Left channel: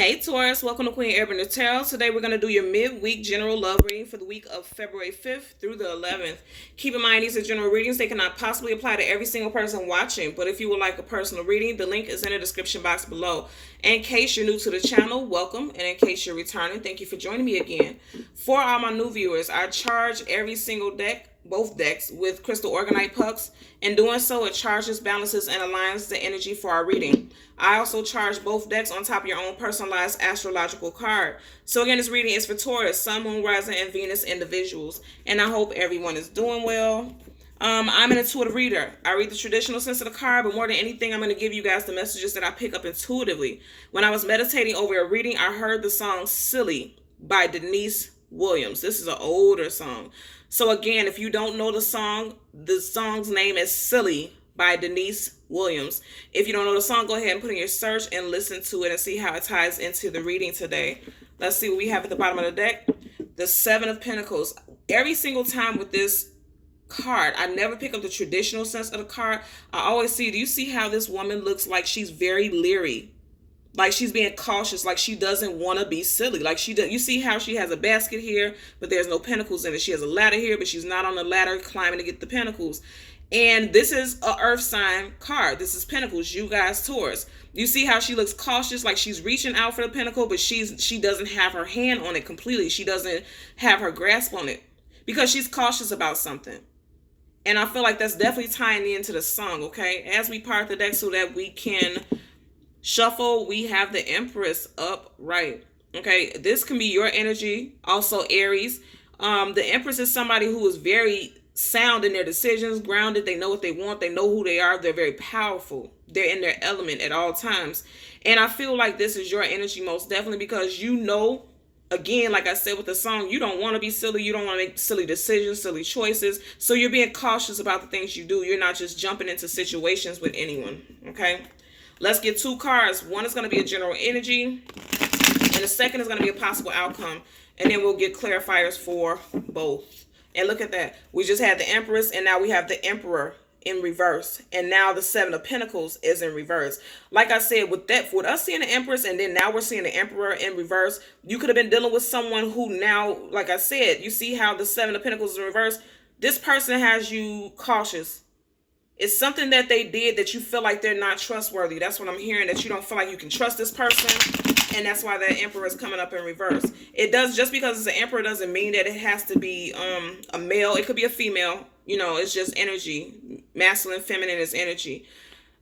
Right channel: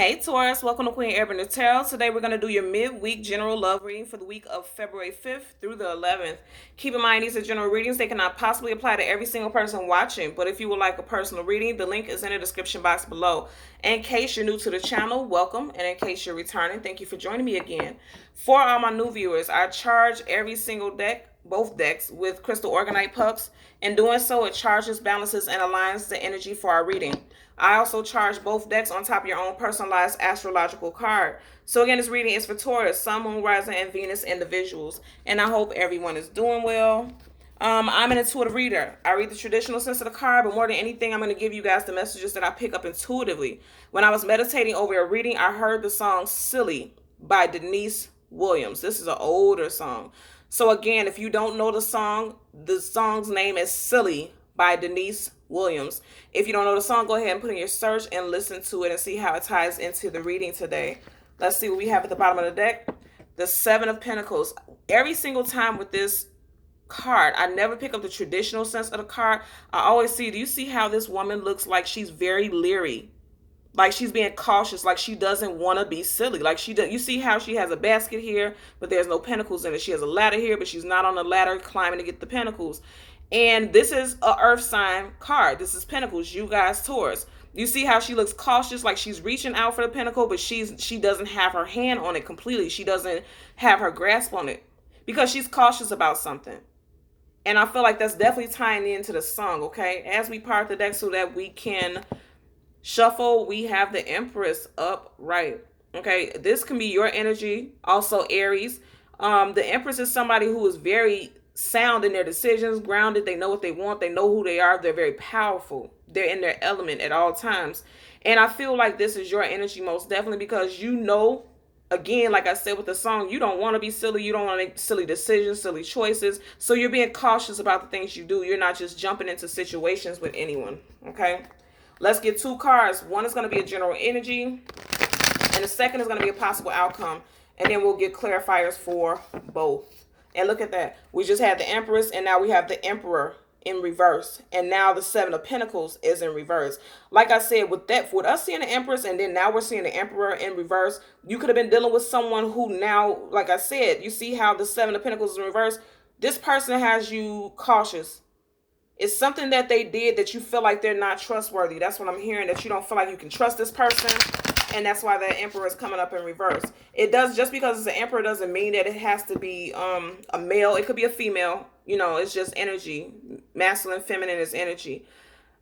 Hey Taurus, welcome to Queen Urban Tarot. Today we're going to do your midweek general love reading for the week of February 5th through the 11th. Keep in mind these are general readings. They cannot possibly apply to every single person watching, but if you would like a personal reading, the link is in the description box below. In case you're new to the channel, welcome, and in case you're returning, thank you for joining me again. For all my new viewers, I charge every single deck, both decks, with crystal organite pucks. In doing so, it charges, balances, and aligns the energy for our reading. I also charge both decks on top of your own personalized astrological card. So again, this reading is for Taurus, Sun, Moon, Rising, and Venus individuals. And I hope everyone is doing well. I'm an intuitive reader. I read the traditional sense of the card, but more than anything, I'm going to give you guys the messages that I pick up intuitively. When I was meditating over a reading, I heard the song Silly by Denise Williams. This is an older song. So again, if you don't know the song's name is Silly by Denise Williams. If you don't know the song, go ahead and put in your search and listen to it and see how it ties into the reading today. Let's see what we have at the bottom of the deck. The Seven of Pentacles. Every single time with this card, I never pick up the traditional sense of the card. I always see, do you see how this woman looks like she's very leery? Like she's being cautious, like she doesn't want to be silly. Like she does. You see how she has a basket here, but there's no pentacles in it. She has a ladder here, but she's not on the ladder climbing to get the pentacles. And this is a earth sign card. This is Pentacles, you guys, Taurus. You see how she looks cautious, like she's reaching out for the pentacle, but she doesn't have her hand on it completely. She doesn't have her grasp on it because she's cautious about something. And I feel like that's definitely tying into the song, okay? As we part the deck so that we can shuffle, we have the Empress upright. Okay, this can be your energy. Also Aries. The Empress is somebody who is very sound in their decisions, grounded. They know what they want. They know who they are. They're very powerful. They're in their element at all times. And I feel like this is your energy most definitely because you know, again, like I said with the song, you don't want to be silly. You don't want to make silly decisions, silly choices. So you're being cautious about the things you do. You're not just jumping into situations with anyone. Okay. Let's get two cards. One is going to be a general energy, and the second is going to be a possible outcome. And then we'll get clarifiers for both. And look at that. We just had the Empress, and now we have the Emperor in reverse. And now the Seven of Pentacles is in reverse. Like I said, with us seeing the Empress, and then now we're seeing the Emperor in reverse, you could have been dealing with someone who now, like I said, you see how the Seven of Pentacles is in reverse? This person has you cautious. It's something that they did that you feel like they're not trustworthy. That's what I'm hearing, that you don't feel like you can trust this person. And that's why that Emperor is coming up in reverse. It does, just because it's an Emperor doesn't mean that it has to be a male. It could be a female. You know, it's just energy. Masculine, feminine is energy.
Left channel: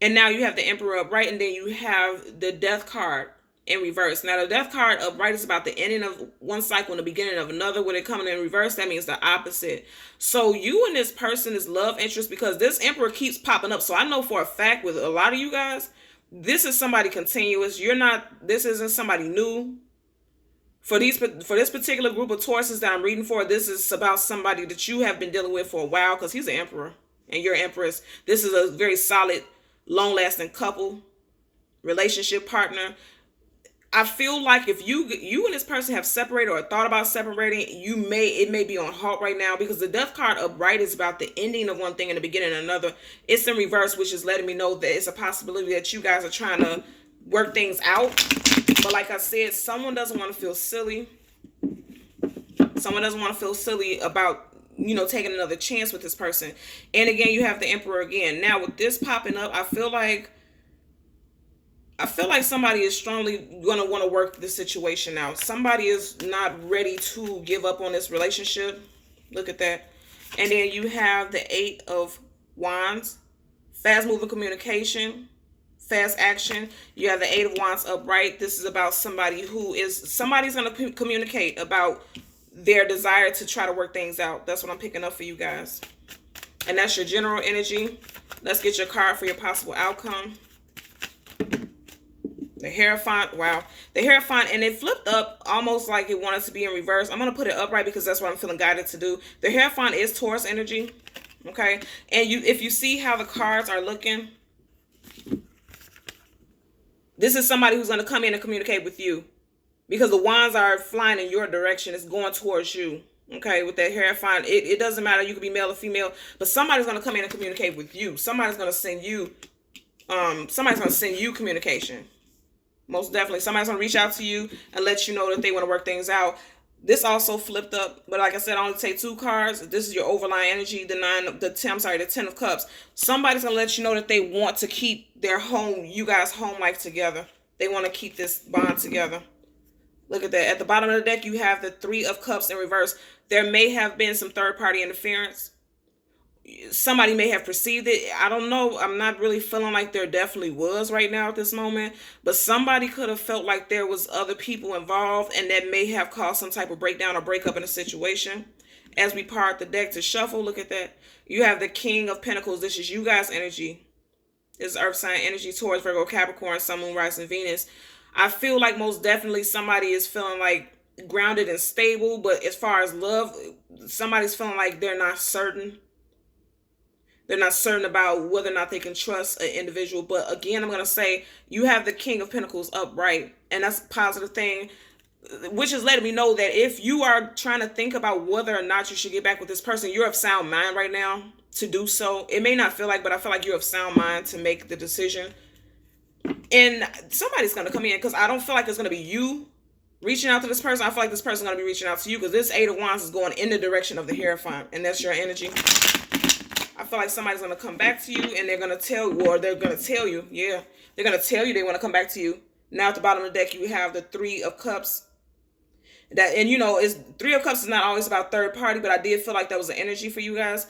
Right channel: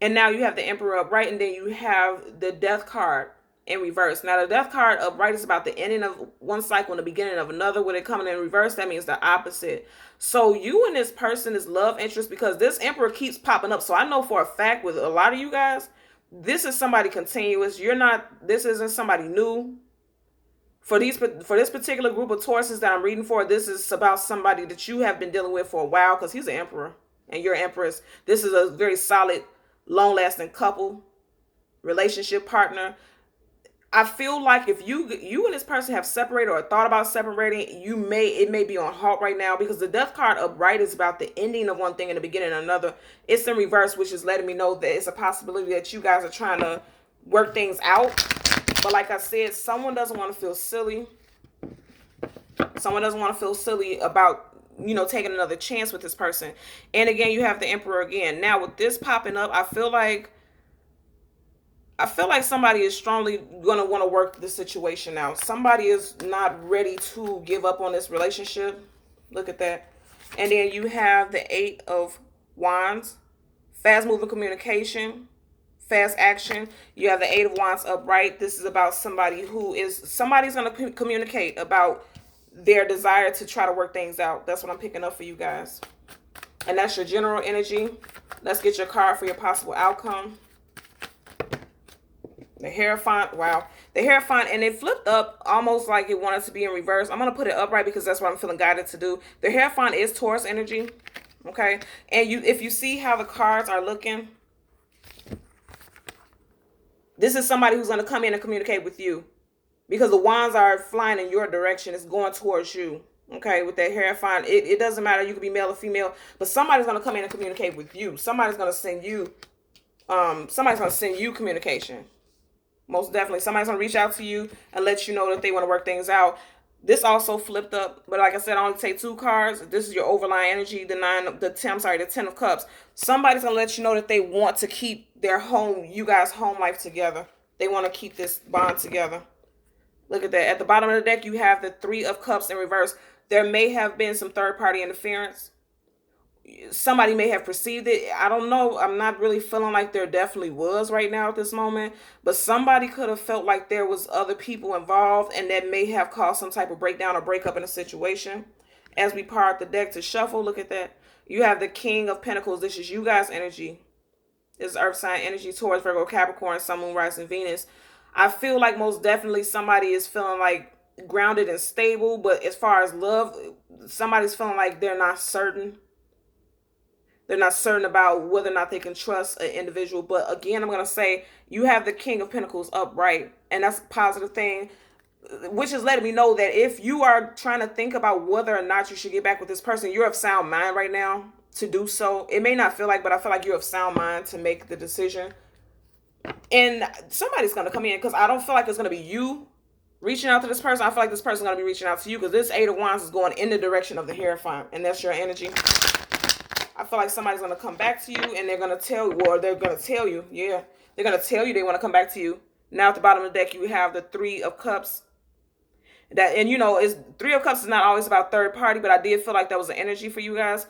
And now you have the Emperor upright, and then you have the Death card in reverse. Now the Death card upright is about the ending of one cycle and the beginning of another. When it coming in reverse, that means the opposite. So you and this person is love interest because this Emperor keeps popping up. So I know for a fact with a lot of you guys, this is somebody continuous. This isn't somebody new. For this particular group of Tauruses that I'm reading for, this is about somebody that you have been dealing with for a while because he's an Emperor and you're Empress. This is a very solid, long-lasting couple, relationship partner. I feel like if you and this person have separated or thought about separating, it may be on halt right now because the Death card upright is about the ending of one thing and the beginning of another. It's in reverse, which is letting me know that it's a possibility that you guys are trying to work things out. But like I said, someone doesn't want to feel silly. Someone doesn't want to feel silly about, taking another chance with this person. And again, you have the Emperor again. Now with this popping up, I feel like somebody is strongly going to want to work this situation out. Somebody is not ready to give up on this relationship. Look at that. And then you have the Eight of Wands, fast moving communication, fast action. You have the Eight of Wands upright. This is about somebody's going to communicate about their desire to try to work things out. That's what I'm picking up for you guys. And that's your general energy. Let's get your card for your possible outcome. The Hierophant, wow. The Hierophant, and it flipped up almost like it wanted to be in reverse. I'm going to put it upright because that's what I'm feeling guided to do. The Hierophant is Taurus energy, okay? And if you see how the cards are looking, this is somebody who's going to come in and communicate with you because the wands are flying in your direction. It's going towards you, okay? With that Hierophant, it doesn't matter. You could be male or female, but somebody's going to come in and communicate with you. Somebody's going to send you communication. Most definitely. Somebody's going to reach out to you and let you know that they want to work things out. This also flipped up, but like I said, I only take 2 cards. This is your overlying energy, the 10 of cups. Somebody's gonna let you know that they want to keep their home, you guys' home life together. They want to keep this bond together. Look at that. At the bottom of the deck, you have the 3 of cups in reverse. There may have been some third party interference. Somebody may have perceived it. I don't know. I'm not really feeling like there definitely was right now at this moment, but somebody could have felt like there was other people involved, and that may have caused some type of breakdown or breakup in a situation. As we part the deck to shuffle, look at that. You have the King of Pentacles. This is you guys' energy. This is Earth sign energy, Taurus, Virgo, Capricorn, Sun, Moon, Rising, Venus. I feel like most definitely somebody is feeling like grounded and stable, but as far as love, somebody's feeling like they're not certain. They're not certain about whether or not they can trust an individual. But again, I'm going to say you have the King of Pentacles upright, and that's a positive thing, which is letting me know that if you are trying to think about whether or not you should get back with this person, you're of sound mind right now to do so. It may not feel like, but I feel like you're of sound mind to make the decision. And somebody's going to come in, because I don't feel like it's going to be you reaching out to this person. I feel like this person's going to be reaching out to you, because this 8 of Wands is going in the direction of the Hierophant, and that's your energy. I feel like somebody's going to come back to you, and they're going to tell you, or they're going to tell you, yeah, they're going to tell you they want to come back to you. Now at the bottom of the deck, you have the 3 of Cups. That, and you know, is 3 of Cups is not always about third party, but I did feel like that was an energy for you guys.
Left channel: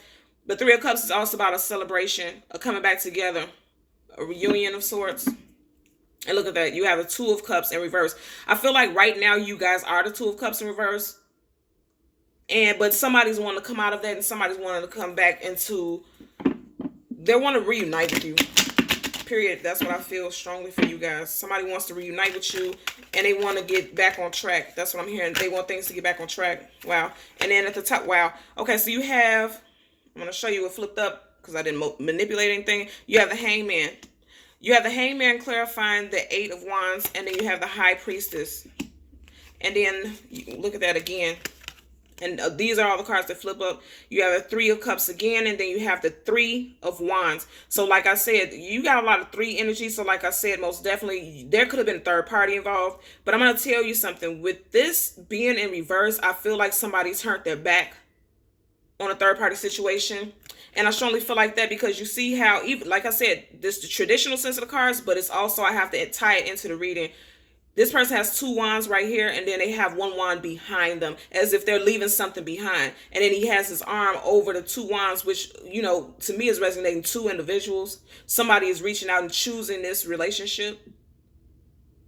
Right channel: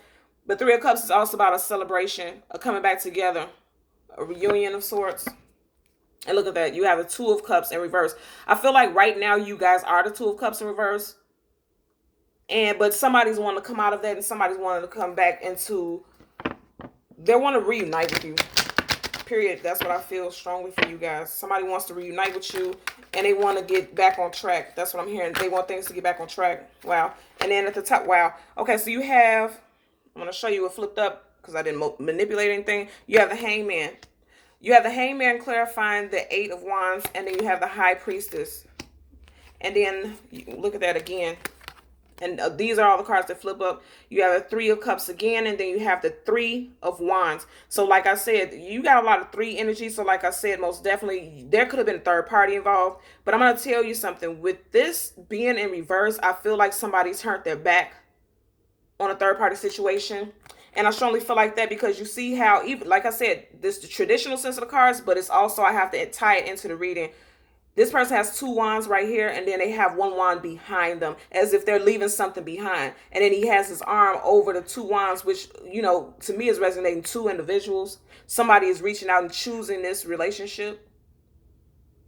But 3 of Cups is also about a celebration, a coming back together, a reunion of sorts. And look at that, you have the 2 of Cups in reverse. I feel like right now you guys are the 2 of Cups in reverse. But somebody's wanting to come out of that, and somebody's wanting to come back into, they want to reunite with you. Period. That's what I feel strongly for you guys. Somebody wants to reunite with you, and they want to get back on track. That's what I'm hearing. They want things to get back on track. Wow. And then at the top, wow. Okay, so you have, I'm going to show you what flipped up, because I didn't manipulate anything. You have the Hangman. You have the Hangman clarifying the 8 of Wands, and then you have the High Priestess. And then, look at that again. And these are all the cards that flip up. You have a 3 of Cups again, and then you have the 3 of Wands. So like I said, you got a lot of 3 energy. So like I said, most definitely, there could have been a third party involved. But I'm going to tell you something. With this being in reverse, I feel like somebody turned their back on a third party situation. And I strongly feel like that because you see how, even like I said, this is the traditional sense of the cards, but it's also, I have to tie it into the reading. This person has 2 wands right here, and then they have 1 wand behind them, as if they're leaving something behind. And then he has his arm over the 2 wands, which, you know, to me is resonating 2 individuals. Somebody is reaching out and choosing this relationship.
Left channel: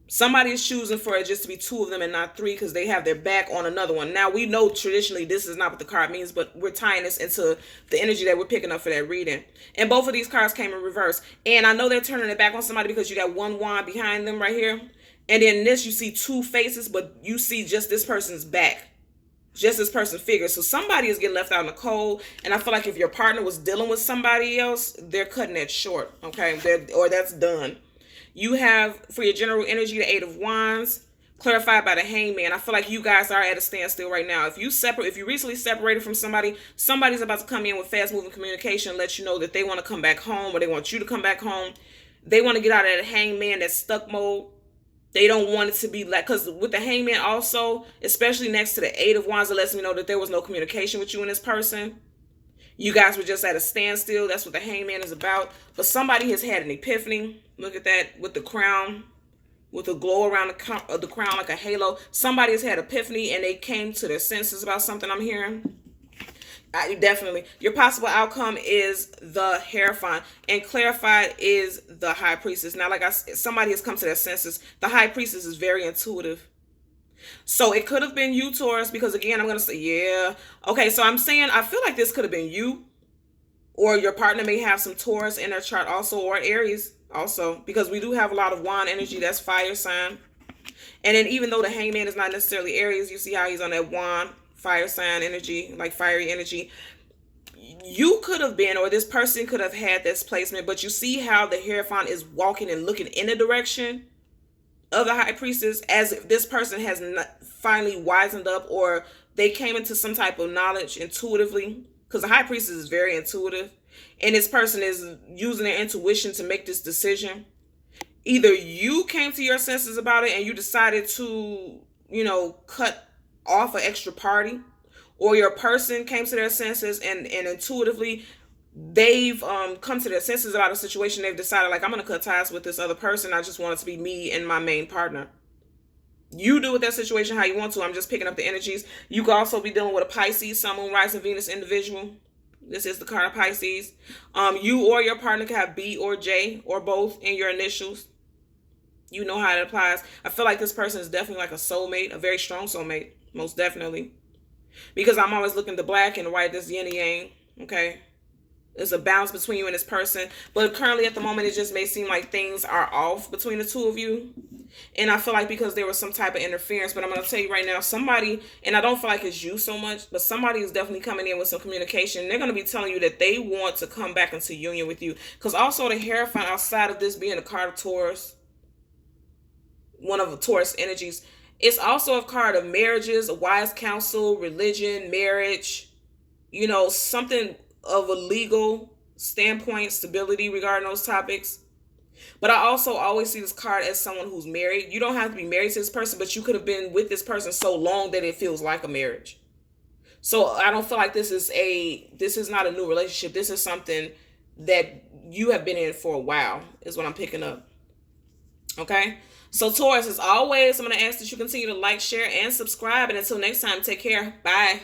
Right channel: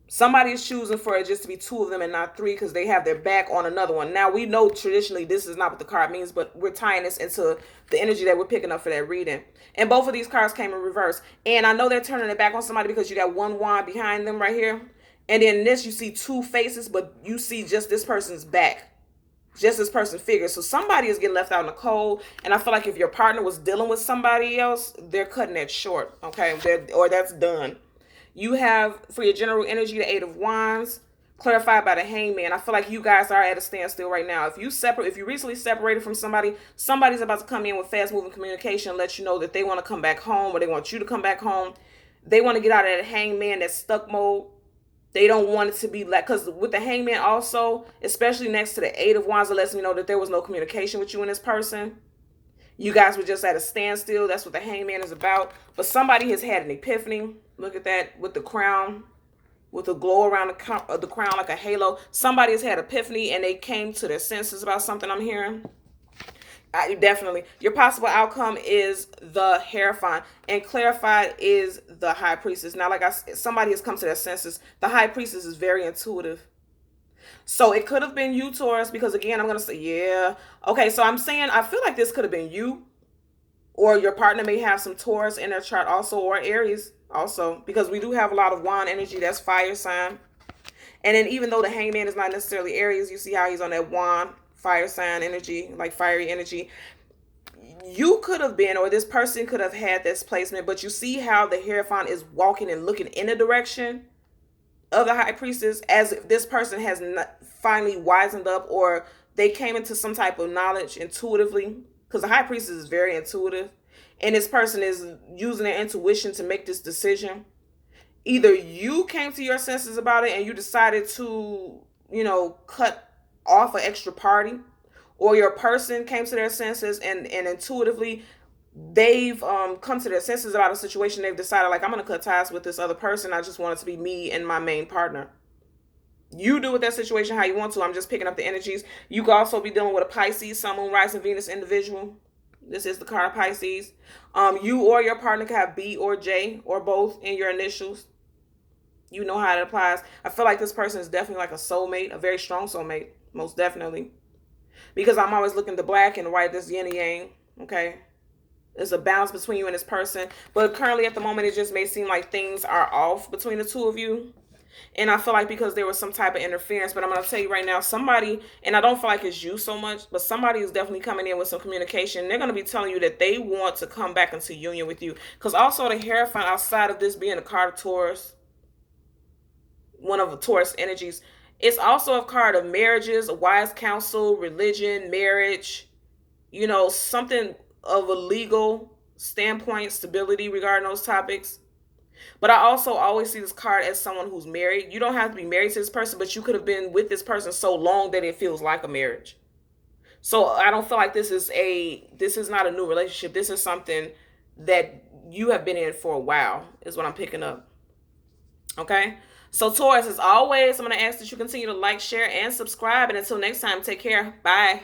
Somebody is choosing for it just to be 2 of them and not 3, because they have their back on another one. Now, we know traditionally this is not what the card means, but we're tying this into the energy that we're picking up for that reading. And both of these cards came in reverse. And I know they're turning their back on somebody because you got 1 wand behind them right here. And then this, you see 2 faces, but you see just this person's back. Just this person's figure. So somebody is getting left out in the cold. And I feel like if your partner was dealing with somebody else, they're cutting it short. Okay? Or that's done. You have, for your general energy, the 8 of Wands, clarified by the Hangman. I feel like you guys are at a standstill right now. If you recently separated from somebody, somebody's about to come in with fast-moving communication and let you know that they want to come back home, or they want you to come back home. They want to get out of that Hangman, that stuck mode. They don't want it to be like, because with the Hangman also, especially next to the 8 of Wands, it lets me know that there was no communication with you and this person. You guys were just at a standstill. That's what the Hangman is about. But somebody has had an epiphany. Look at that with the crown, with the glow around the crown like a halo. Somebody has had epiphany and they came to their senses about something I'm hearing. Definitely. Your possible outcome is the Hierophant, and clarified is the High Priestess. Now, like I said, somebody has come to their senses. The High Priestess is very intuitive. So it could have been you, Taurus, because again, I'm going to say, yeah. Okay, so I'm saying I feel like this could have been you, or your partner may have some Taurus in their chart also, or Aries also, because we do have a lot of wand energy. That's fire sign. And then even though the Hangman is not necessarily Aries, you see how he's on that wand, fire sign energy, like fiery energy. You could have been, or this person could have had this placement, but you see how the Hierophant is walking and looking in the direction of the High Priestess, as if this person has not finally wisened up, or they came into some type of knowledge intuitively, because the High Priestess is very intuitive, and this person is using their intuition to make this decision. either you came to your senses about it and you decided to, cut off an extra party, or your person came to their senses and intuitively they've come to their senses about a situation. They've decided, like, I'm going to cut ties with this other person. I just want it to be me and my main partner. You do with that situation how you want to. I'm just picking up the energies. You could also be dealing with a Pisces, Sun, Moon, Rising, Venus individual. This is the card of Pisces. You or your partner can have B or J or both in your initials. You know how it applies. I feel like this person is definitely like a soulmate, a very strong soulmate, most definitely. Because I'm always looking at the black and the white, this yin and yang, okay? There's a balance between you and this person. But currently at the moment, it just may seem like things are off between the two of you. And I feel like because there was some type of interference, but I'm going to tell you right now, somebody, and I don't feel like it's you so much, but somebody is definitely coming in with some communication. They're going to be telling you that they want to come back into union with you. Because also the Hierophant, outside of this being a card of Taurus, one of the Taurus energies, it's also a card of marriages, wise counsel, religion, marriage, something of a legal standpoint, stability regarding those topics. But I also always see this card as someone who's married. You don't have to be married to this person, but you could have been with this person so long that it feels like a marriage. So I don't feel like this is not a new relationship. This is something that you have been in for a while, is what I'm picking up. Okay? So Taurus, as always, I'm going to ask that you continue to like, share, and subscribe. And until next time, take care. Bye.